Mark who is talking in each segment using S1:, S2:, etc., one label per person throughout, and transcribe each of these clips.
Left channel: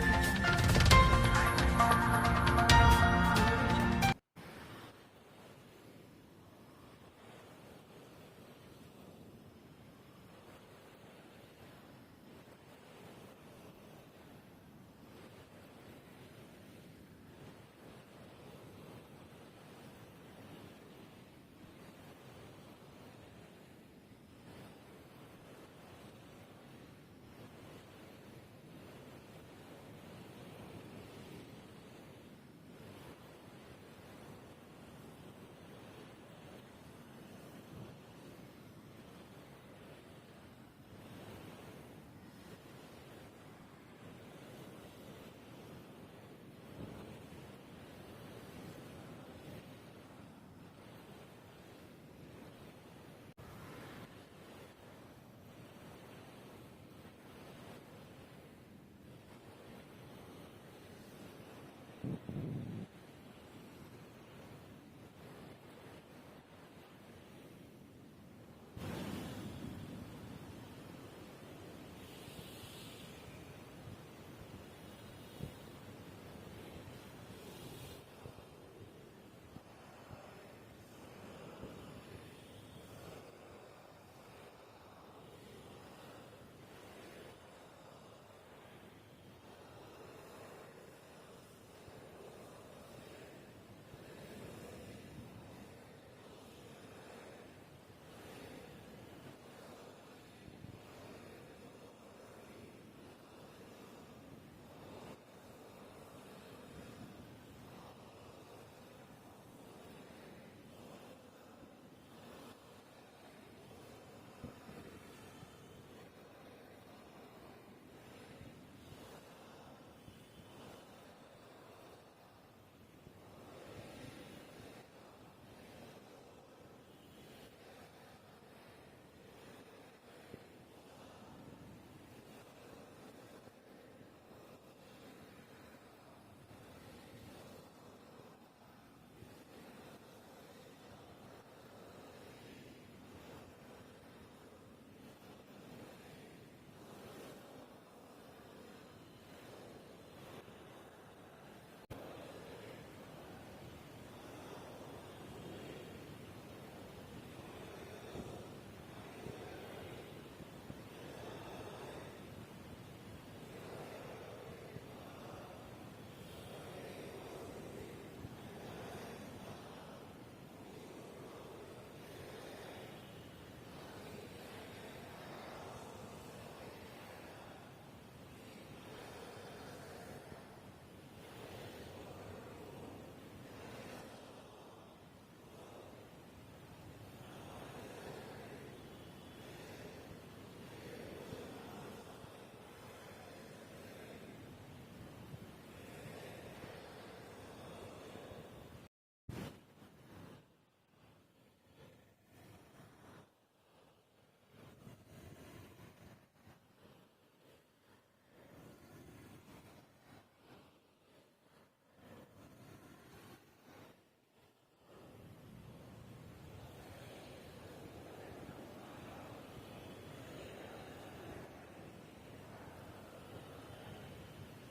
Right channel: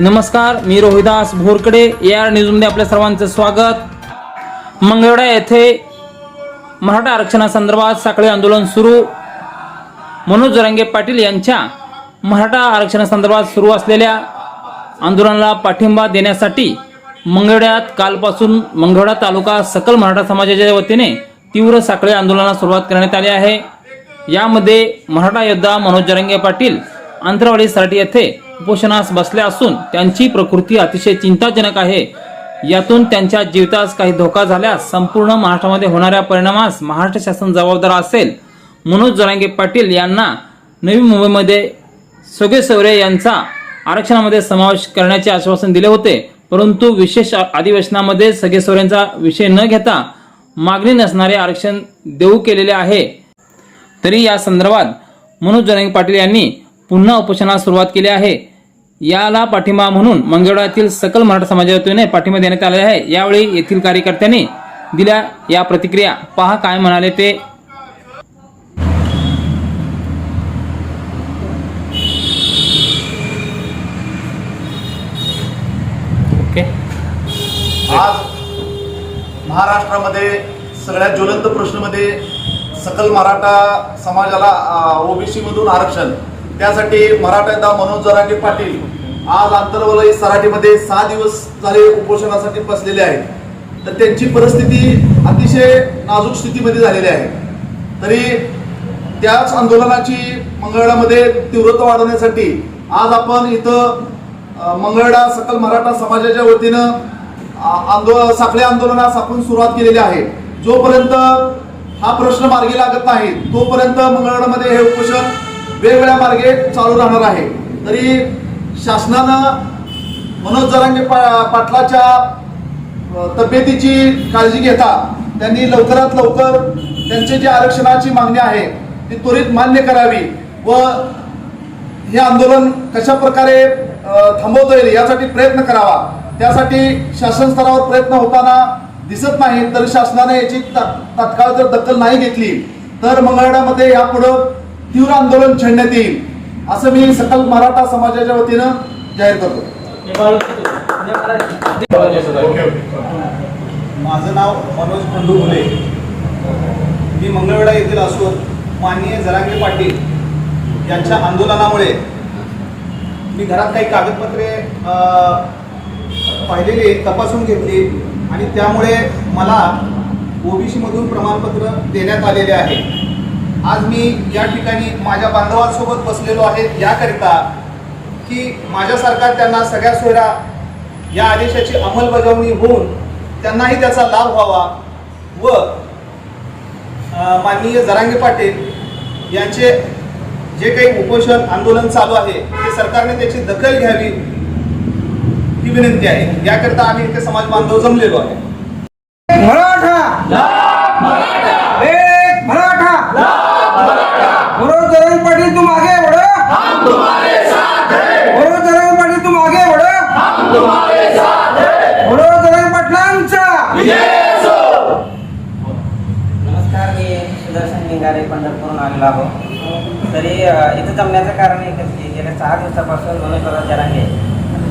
S1: नमस्कार मी Rohidas भोरकडे. A R न्यूजमध्ये आपल्या सर्वांचं स्वागत. मंगळवेढा येथे मराठा आरक्षणासंदर्भात साखळी आंदोलन सुरू. मनोज रंगे पाटील यांच्या मराठा आरक्षणासंदर्भात सुरू असलेल्या आंदोलनाला पाठिंबा देण्यासाठी मंगळवेढ्यात कालपासून मंगळवेढा तालुका सकल मराठा समाजाच्या वतीने तीव्र साखळी आंदोलनाला सुरुवात करण्यात आली आहे. यामध्ये मराठा योद्धा मनोज जरंगे पाटील आंतरवाडी येथे उपोषणास बसले असून त्यांची प्रकृती अतिशय चिंताजनक आहे. यातून त्यांच्या जीवितास काही धोका झाल्यास संपूर्ण महाराष्ट्रामध्ये होणाऱ्या परिणामास महाराष्ट्र शासन जबाबदार असेल. मनोज जरांगे पाटील यांना नवी मुंबईमध्ये सोगे सवरे यांचा आरक्षणामध्ये समावेश करण्याचे आश्वासन दिले होते. परंतु विशेष अधिवेशनामध्ये सगळे विषय न घेता मागणी नसणारे आरक्षण देऊ केलेले आहे. तरी या संदर्भात मनोज जरांगे पाटील यांनी पुन्हा उपोषणास सुरुवात केली आहे. याला पाठिंबा म्हणून मंगळवारातील सकल मराठा समाजाच्या पाठिंबा देण्यात आले आहे. यावेळी येथील कार्यकर्त्यांनी दिल्या या प्रतिक्रिया. पहा काय म्हणाले ते. ओके.
S2: आज महाराष्ट्रामध्ये सगळ्यात ज्वलंत प्रश्नमध्ये सकल मराठा समाजाला ओबीसी मधून आरक्षण त्यासाठी मराठा मनोज जरांगे पाटील आज आंतरवलयी सराटीमध्ये सहा दिवस झाले उपोषणासाठी बसलेले आहेत. तर त्यांची परिस्थिती अतिशय नाजूक स्थितीमध्ये झालेली आहे. तरी त्याच आंदोलनाची मंगळवेढ्यामध्ये तीव्रता वाढवण्यासाठी आज आपण इथं मंगळडा सकल मराठा समाजाच्या वतीनं आंदोलन साखळी आंदोलनास आपण सुरुवात केलेली आहे. जोपर्यंत हा प्रश्न मार्गी लागत नाही तोपर्यंत मंगळवारमध्ये हे उपोषण वेगवेगळ्या मार्गे चालू राहणार आहे. तरी शासनानं मनोज जरांगे पा- पाटलाच्या तब्येतीची काळजी घेता त्यांनी लवकरात लवकर त्यांची जी आरक्षणाची मागणी आहे ती त्वरित मान्य करावी व हे आंदोलन कशा प्रकारे थांबवता येईल यासाठी प्रयत्न करावा. त्यासाठी शासन स्तरावर प्रयत्न होताना दिसत नाही तर शासनाने याची तात्काळ जर दखल नाही घेतली तर मंगळवेढ्यामध्ये यापुढं तीव्र आंदोलन छेडण्यात येईल असं मी सकल मराठा समाजाच्या वतीनं जाहीर करतो.
S3: माझं नाव मनोज खंडू फुले मी मंगळवेढा येथील असून माननीय जरांगे पाटील यांच्या आंदोलनामुळे मी घरात काही कागदपत्रे पाहिलेली तपासून घेतली आणि त्यामुळे मला ओबीसी मधून प्रमाणपत्र देण्यात आलेले आहे. आज मी या ठिकाणी माझ्या बांधवांसोबत बसलेलो आहे याकरिता की माझ्यासारखा त्यांना सगळ्या सोयरा या आदेशाची अंमलबजावणी होऊन त्यांनाही त्याचा लाभ व्हावा व माननीय जरांगे पाटील यांचे जे काही उपोषण आंदोलन चालू आहे ते सरकारने त्याची दखल घ्यावी ही विनंती आहे. याकरता आम्ही इथे समाज बांधव जमलेलो आहे
S4: मराठा एक मराठा मनोज जरंग पाटील तुम आगे बढ़ो मनोज जरंग पाटील तुम आगे बढ़ो मनोज जरंग पाटलांचा
S5: नमस्कार मी सुदर्शन लिंगारे पंढरपूरहून आलेलो आहोत. तरी इथं जमण्याचं कारण एकच की गेल्या सहा दिवसापासून मनोज जरांगे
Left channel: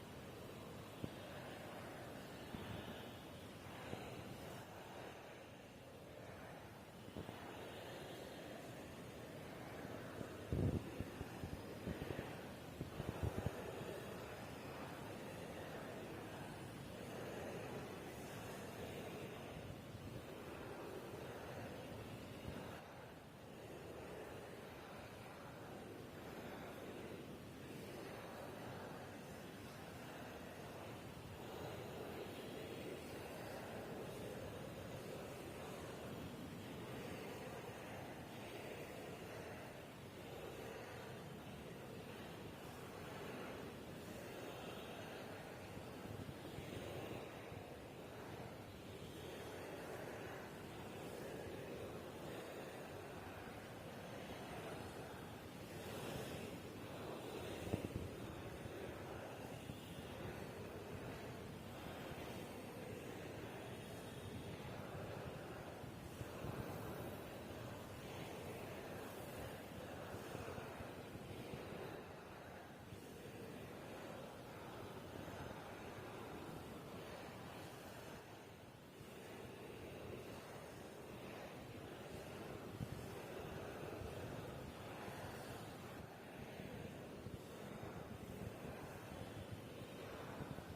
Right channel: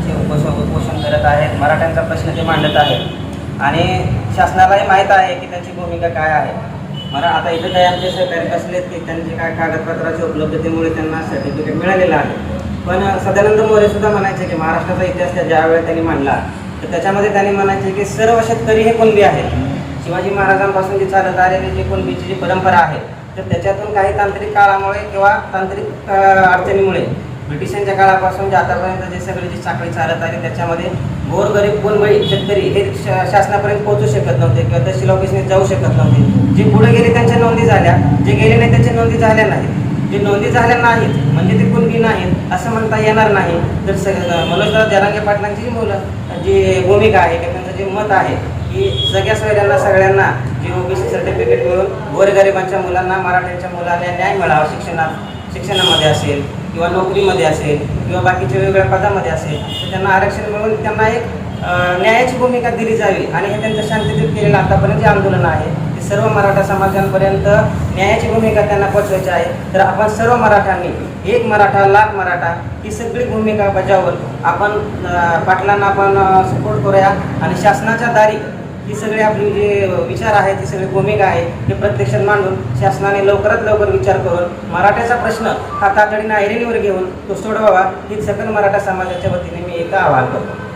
S5: ते उपोष उपोषण करत आहेत मराठ्यांचा प्रश्न ते मांडत आहेत. आणि शासनालाही माहीत आहे की त्यांची भूमिका काय आहे. मला आता इथं काही आमचे सहकारी बसलेत की त्यांचे काय कागदपत्राच्या उपलब्धतेमुळे त्यांना सर्टिफिकेट मिळालेलं आहे. पण सदानंद मोरे सुद्धा म्हणायचे की महाराष्ट्राचा इतिहास त्या त्यांनी मांडला तर त्याच्यामध्ये त्यांनी म्हणायचे की सर्व शेतकरी हे कुणबी आहेत. शिवाजी महाराजांपासून जी चालत आलेली जी कुणबीची जी परंपरा आहे तर त्याच्यातून काही तांत्रिक काळामुळे किंवा तांत्रिक अडचणीमुळे ब्रिटिशांच्या काळापासून जे आतापर्यंत जे सगळी जी साखळी चालत आली त्याच्यामध्ये गोरगरीब कुणबळी शेतकरी हे शासनापर्यंत पोहोचू शकत नव्हते किंवा तहसील ऑफिसने जाऊ शकत नव्हते. जे पुढे गेले त्यांच्या नोंदी झाल्या जे गेले नाही त्यांच्या नोंदी झाल्या नाहीत. जे नोंदी झाल्या नाहीत म्हणजे ते कुणबी नाहीत असं म्हणता येणार नाही. तर स मनोजदार जरांगे पाटलांची जी मुलं जी भूमिका आहे किंवा त्यांचं जे मत आहे की सगळ्या सगळ्यांना सगळ्यांना जे ओबीसी सर्टिफिकेट मिळून गोरगरिबांच्या मुलांना मराठ्यांच्या मुलांना न्याय मिळावा शिक्षणात शिक्षणामध्ये असेल किंवा नोकरीमध्ये असेल किंवा बाकीच्या वेगवेगळ्या पदामध्ये असेल तर त्यांना आरक्षण मिळून त्यांना एक न्यायाची भूमिका दिली जावी. आणि हे त्यांचं शांततेत केलेलं आतापर्यंत जे आंदोलन आहे ते सर्व मराठा समाजांपर्यंत न्यायाची भूमिका त्यांना पोचवायची आहे. तर आपण सर्व मराठ्यांनी एक मराठा लाख मराठा ही सगळी भूमिका बजावून आपण पाटलांना आपण सपोर्ट करूया. आणि शासनाच्या दारी ही सगळी आपली जे विचार आहेत ही सगळी भूमिका आहे हे प्रत्यक्षात मांडून शासनाने लवकरात लवकर विचार करून मराठ्याचा प्रश्न हा तातडीनं ऐरणीवर घेऊन तो सोडवावा ही सकल मराठा समाजाच्या वतीने मी एक आवाहन करतो.